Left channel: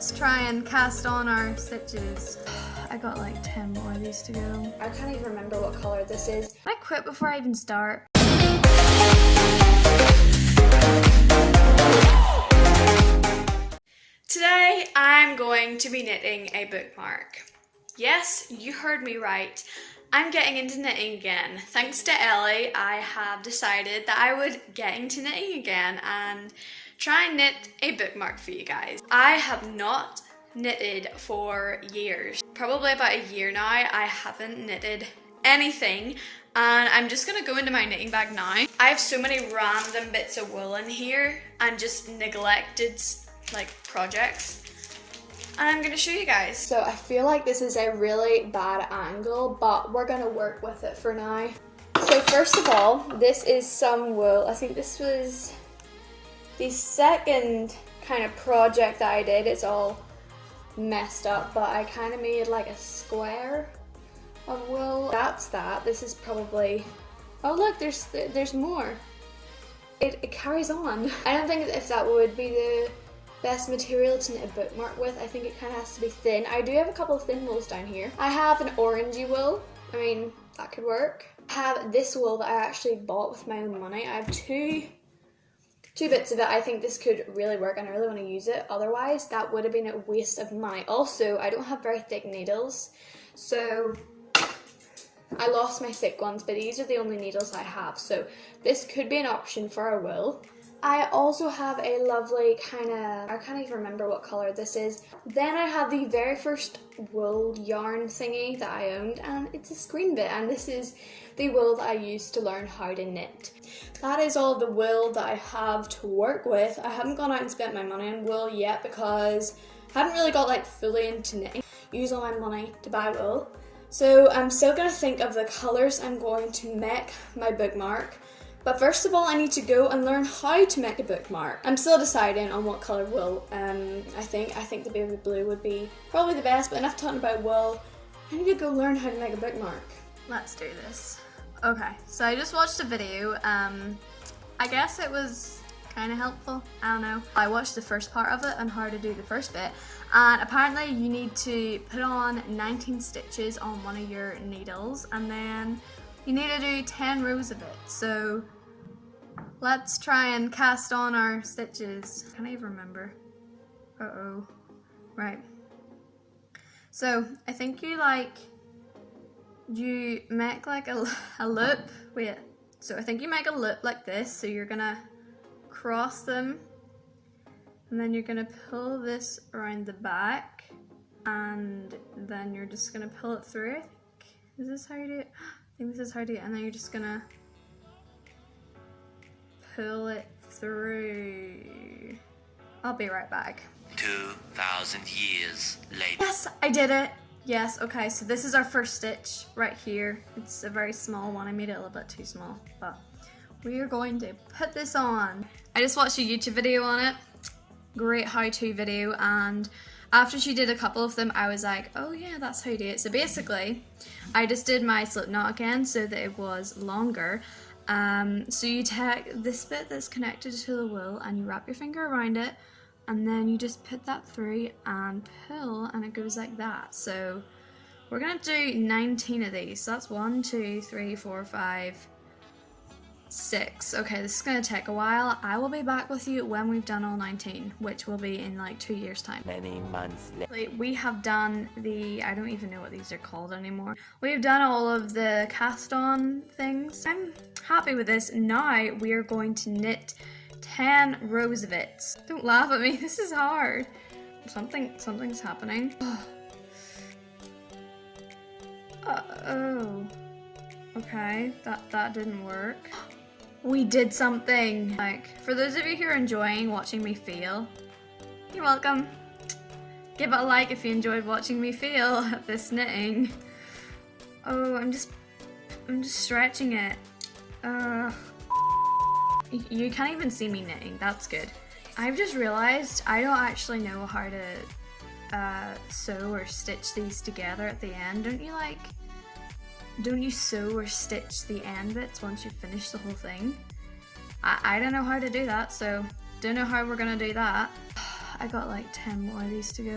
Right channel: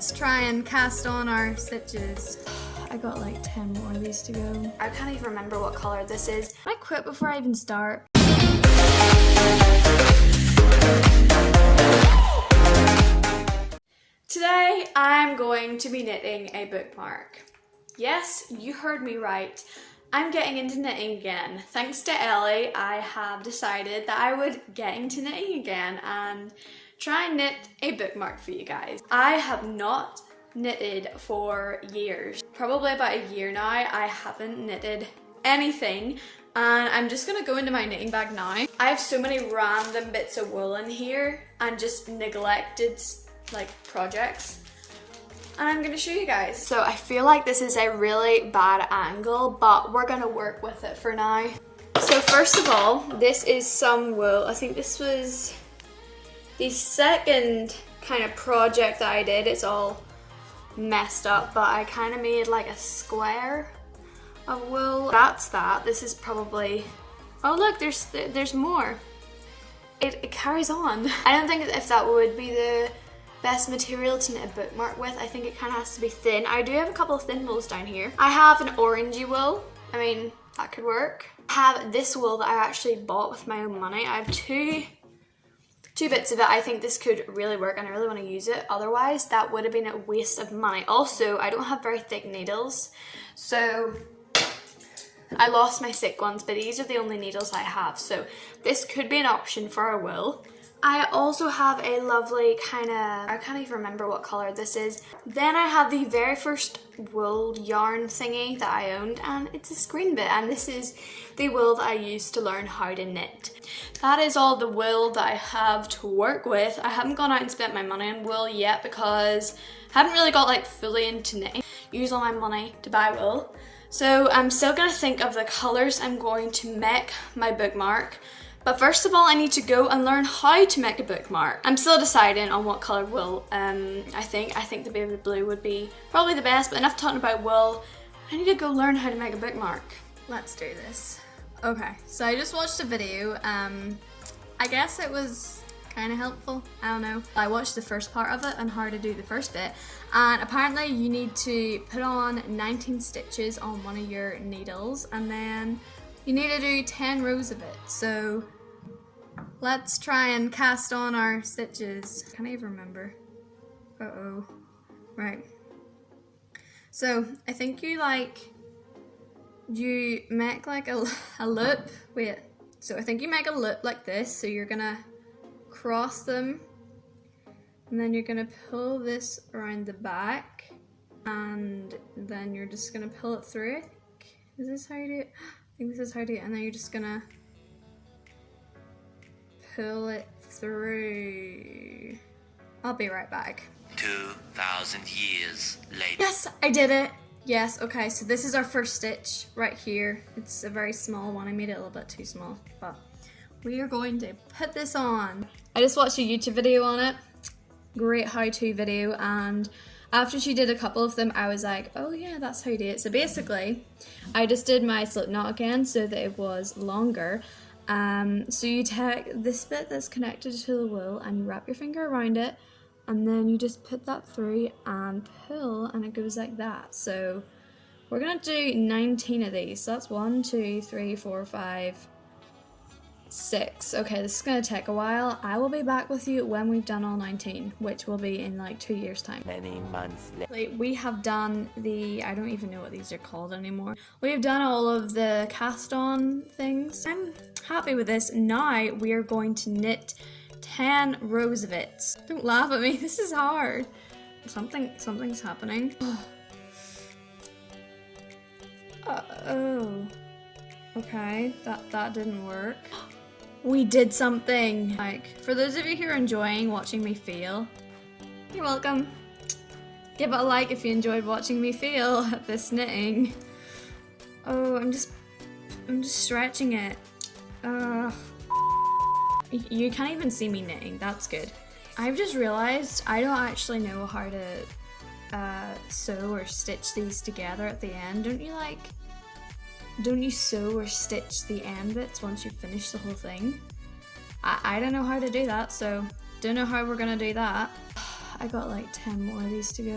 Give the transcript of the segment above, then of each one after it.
let's try and cast on our stitches. I got like 10 more of these to go. I can't even remember what color this is. I quit before I even start. Today I'm going to be knitting a bookmark. Yes, you heard me right. I'm getting into knitting again. Thanks to Ellie, I have decided that I would get into knitting again and try and knit a bookmark for you guys. I have not knitted for years. Probably about a year now, I haven't knitted anything, and I'm just gonna go into my knitting bag now. I have so many random bits of wool in here and just neglected like projects, and I'm gonna show you guys. So I feel like this is a really bad angle, but we're gonna work with it for now. So first of all, this is some wool. I think this was the second kind of project that I did. It's all messed up, but I kind of made like a square of wool. That's that. This is probably, oh look, there's more. It carries on. I don't think if that would be the best material to knit a bookmark with. I think it kind of has to be thin. I do have a couple of thin wools down here. I have an orangey wool. I mean, that could work. I have this wool that I actually bought with my own money. I have two bits of it. I think this could really work and I really want to use it. Otherwise, that would have been a waste of money. Also, I don't have very thick needles, so I lost my thick ones, but these are the only needles I have. So this could be an option for a wool. I also have a lovely kind of, I can't even remember what color this is. Then I have the very first wool yarn thingy that I owned, and it's a screen bit, and this is the wool that I used to learn how to knit. That is all the wool that I have to work with. I haven't gone out and spent my money on wool yet because I haven't really got like fully into knitting. Use all my money to buy wool. So I'm still gonna think of the colors I'm going to make my bookmark. But first of all, I need to go and learn how to make a bookmark. I'm still deciding on what colour wool. I think the baby blue would be probably the best, but enough talking about wool. I need to go learn how to make a bookmark. Let's do this. Okay, so I just watched a video. I guess it was kind of helpful. I don't know. I watched the first part of it on how to do the first bit, and apparently you need to put on 19 stitches on one of your needles, and then you need to do 10 rows of it. So let's try and cast on our stitches. I can't even remember. Uh-oh. Right. So I think you make like a loop. Wait. So I think you make a loop like this. So you're gonna cross them, and then you're gonna pull this around the back, and then you're just gonna pull it through. I think. Is this how you do it? I think this is how to do it, and then you're just gonna pull it through. I'll be right back. 2,000 years later. Yes, I did it. Yes, okay, so this is our first stitch right here. It's a very small one. I made it a little bit too small, but we are going to put this on. I just watched a YouTube video on it. Great how-to video, and after she did a couple of them, I was like, oh yeah, that's how you do it. So basically, I just did my slip knot again so that it was longer. So you take this bit that's connected to the wool and you wrap your finger around it, and then you just put that through and pull, and it goes like that. So we're gonna do 19 of these. So that's 1, 2, 3, 4, 5, 6. Okay, this is gonna take a while. I will be back with you when we've done all 19, which will be in like 2 years time. Many months later. We have done the, I don't even know what these are called anymore. We have done all of the cast on things. I'm happy with this. Now we are going to knit 10 rows of it. Don't laugh at me, this is hard. Something's happening. Oh. Okay, that didn't work. We did something. Like, for those of you who are enjoying watching me fail, you're welcome. Give it a like if you enjoyed watching me fail at this knitting. Oh, I'm just stretching it. You can't even see me knitting, that's good. I've just realized I don't actually know how to sew or stitch these together at the end. Don't you sew or stitch the end bits once you finish the whole thing? I don't know how to do that, so don't know how we're gonna do that. I got like 10 more of these to go.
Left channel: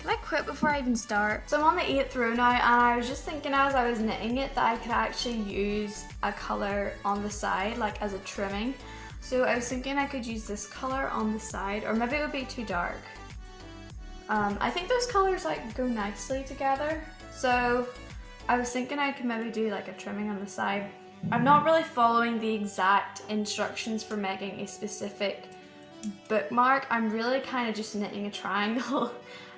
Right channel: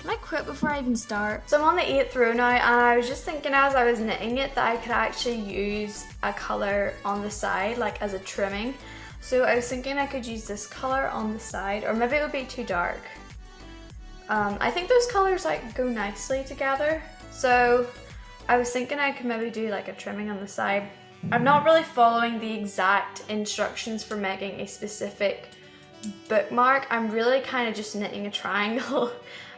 Can I quit before I even start? So I'm on the 8th row now, and I was just thinking as I was knitting it that I could actually use a colour on the side, like as a trimming. So I was thinking I could use this colour on the side, or maybe it would be too dark. I think those colours like go nicely together. So I was thinking I could maybe do like a trimming on the side. I'm not really following the exact instructions for making a specific bookmark. I'm really kind of just knitting a triangle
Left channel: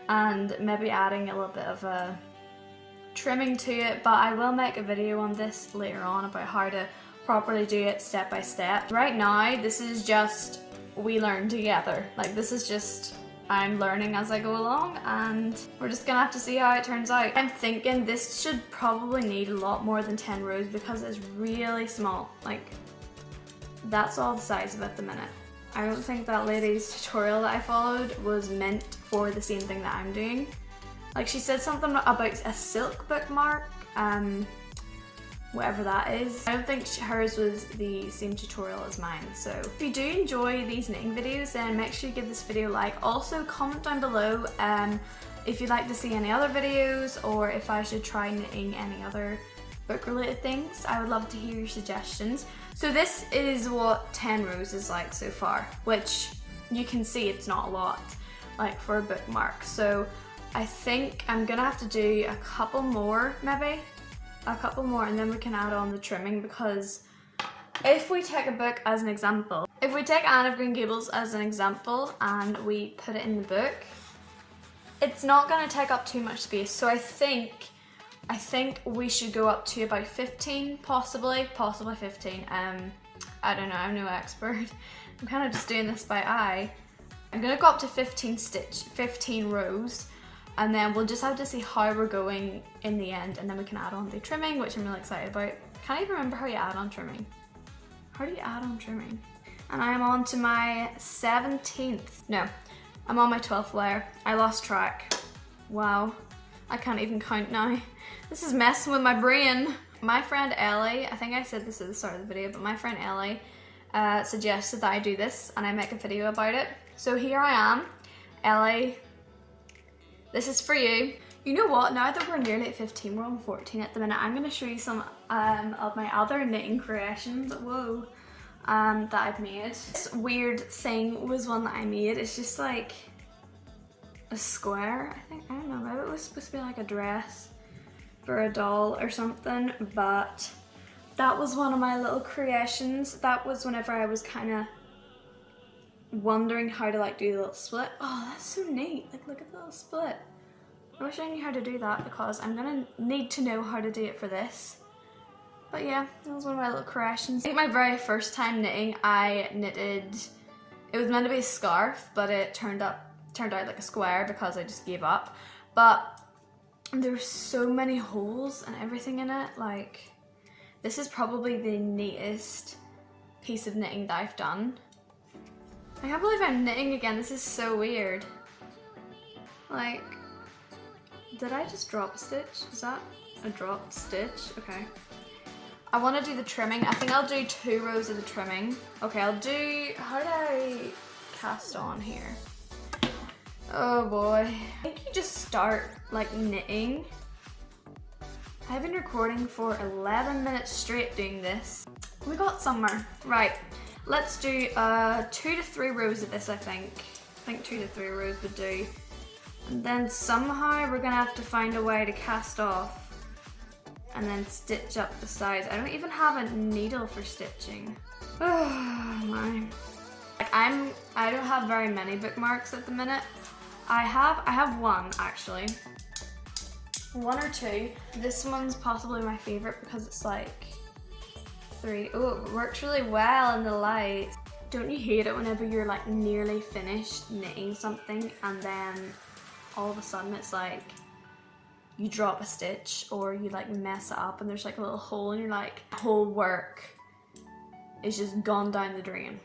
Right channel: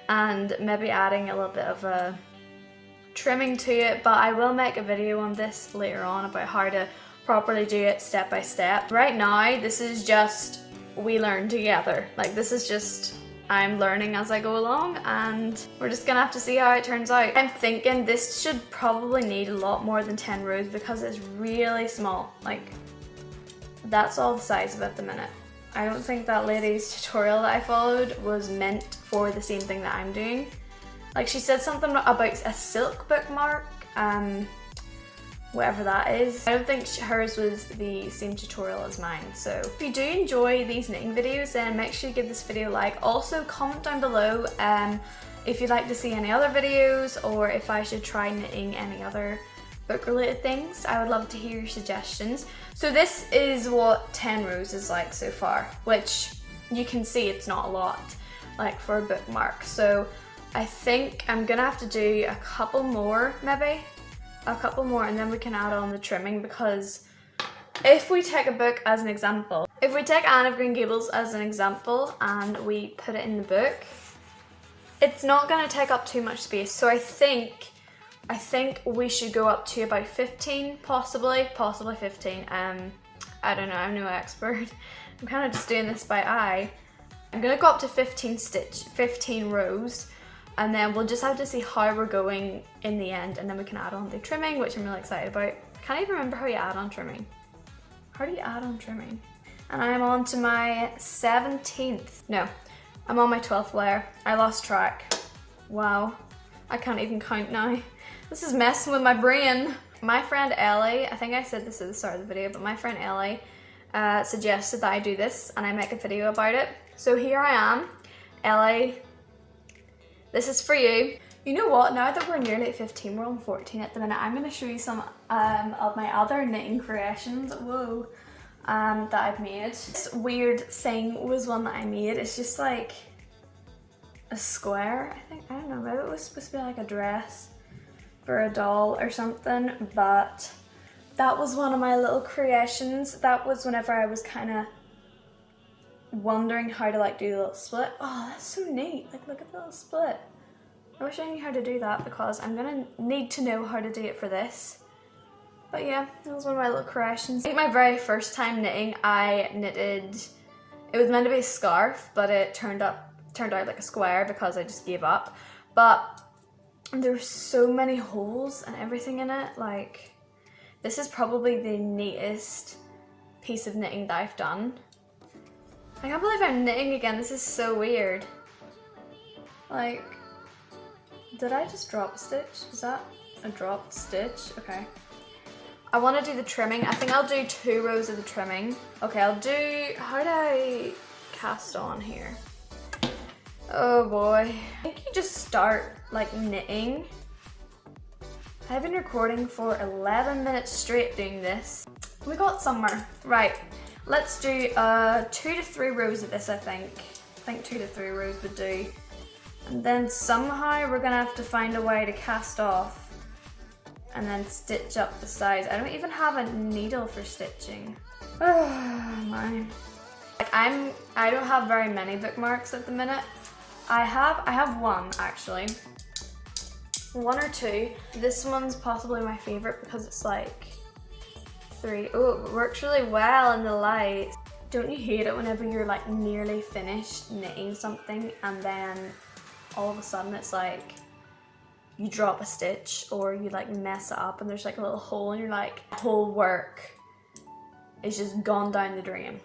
and maybe adding a little bit of a trimming to it, but I will make a video on this later on about how to properly do it step by step. Right now, this is just we learn together. Like this is just I'm learning as I go along, and we're just gonna have to see how it turns out. I'm thinking this should probably need a lot more than 10 rows because it's really small. Like that's all the size of it at the minute. I don't think that lady's tutorial that I followed was meant for the same thing that I'm doing. Like she said something about a silk bookmark, whatever that is. I don't think hers was the same tutorial as mine. So if you do enjoy these knitting videos, then make sure you give this video a like. Also comment down below if you'd like to see any other videos, or if I should try knitting any other book related things. I would love to hear your suggestions. So this is what 10 rows is like so far, which you can see it's not a lot like for a bookmark. So I think I'm gonna have to do a couple more, maybe a couple more, and then we can add on the trimming, because if we take a book as an example, if we take Anne of Green Gables as an example and we put it in the book, it's not going to take up too much space. So I think we should go up to about 15, possibly 15. I don't know, I'm no expert. I'm kind of just doing this by eye. I'm going to go up to 15 rows, and then we'll just have to see how we're going in the end, and then we can add on the trimming, which I'm really excited about. Can't even remember how you add on trimming. How do you add on trimming? And I'm on to my 17th. No, I'm on my 12th layer. I lost track. Wow, I can't even count now. This is messing with my brain. My friend Ellie, I think I said this at the start of the video, but my friend Ellie suggested that I do this and I make a video about it. So here I am. Ellie, this is for you. You know what, now that we're nearly at 15, we're on 14 at the minute, I'm going to show you some of my other knitting creations, whoa, that I've made. This weird thing was one that I made. It's just like a square, I think, I don't know, maybe it was supposed to be like a dress for a doll or something, but that was one of my little creations. That was whenever I was kind of wondering how to like do the little split. Oh, that's so neat, like look at the little split. I wish I knew how to do that, because I'm gonna need to know how to do it for this. But yeah, that was one of my little creations. I think my very first time knitting, I knitted, it was meant to be a scarf, but it turned out like a square because I just gave up. But there's so many holes and everything in it. Like, this is probably the neatest piece of knitting that I've done. I can't believe I'm knitting again. This is so weird. Like, did I just drop a stitch? Is that a dropped stitch? Okay. I want to do the trimming. I think I'll do 2 rows of the trimming. Okay, I'll do, how do I cast on here? Oh boy. I think you just start like knitting. I've been recording for 11 minutes straight doing this. We got somewhere. Right, let's do 2 to 3 rows of this, I think. I think 2 to 3 rows would do. And then somehow we're gonna have to find a way to cast off and then stitch up the sides. I don't even have a needle for stitching. Oh my. Like I don't have very many bookmarks at the minute. I have one actually. 1 or 2. This one's possibly my favorite because it's like 3. Oh, it works really well in the light. Don't you hate it whenever you're like nearly finished knitting something and then all of a sudden it's like you drop a stitch or you like mess it up and there's like a little hole and you're like, whole work is just gone down the drain.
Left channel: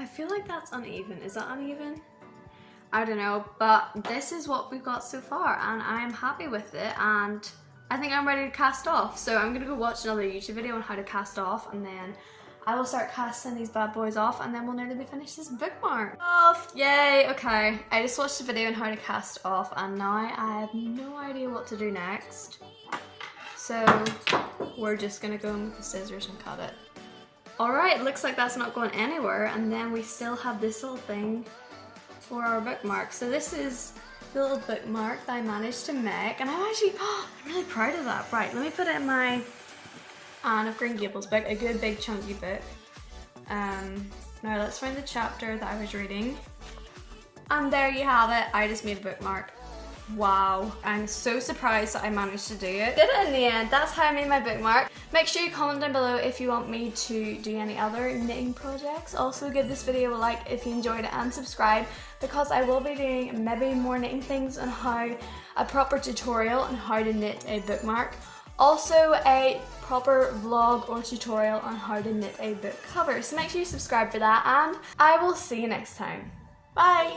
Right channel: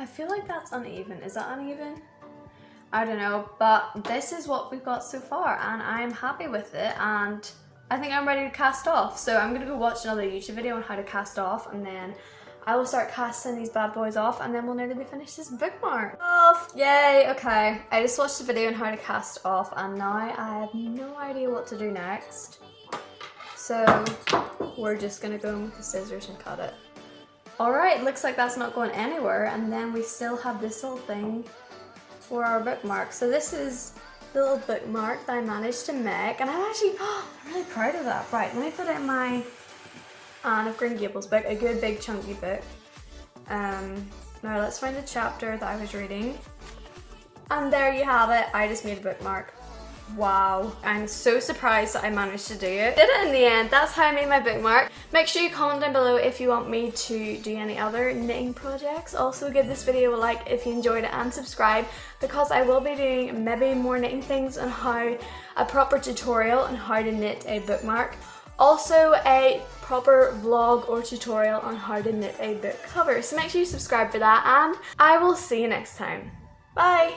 I feel like that's uneven. Is that uneven? I don't know, but this is what we've got so far and I'm happy with it, and I think I'm ready to cast off. So I'm gonna go watch another YouTube video on how to cast off, and then I will start casting these bad boys off, and then we'll nearly finish this bookmark off. Yay, okay. I just watched a video on how to cast off, and now I have no idea what to do next. So we're just gonna go in with the scissors and cut it. Alright, it looks like that's not going anywhere, and then we still have this little thing for our bookmark. So this is the little bookmark that I managed to make, and I'm really proud of that. Right, let me put it in my Anne of Green Gables book, a good big chunky book. Now let's find the chapter that I was reading. And there you have it, I just made a bookmark. Wow, I'm so surprised that I managed to do it. Did it in the end, that's how I made my bookmark. Make sure you comment down below if you want me to do any other knitting projects. Also give this video a like if you enjoyed it, and subscribe, because I will be doing maybe more knitting things and how a proper tutorial on how to knit a bookmark. Also a proper vlog or tutorial on how to knit a book cover. So make sure you subscribe for that, and I will see you next time. Bye!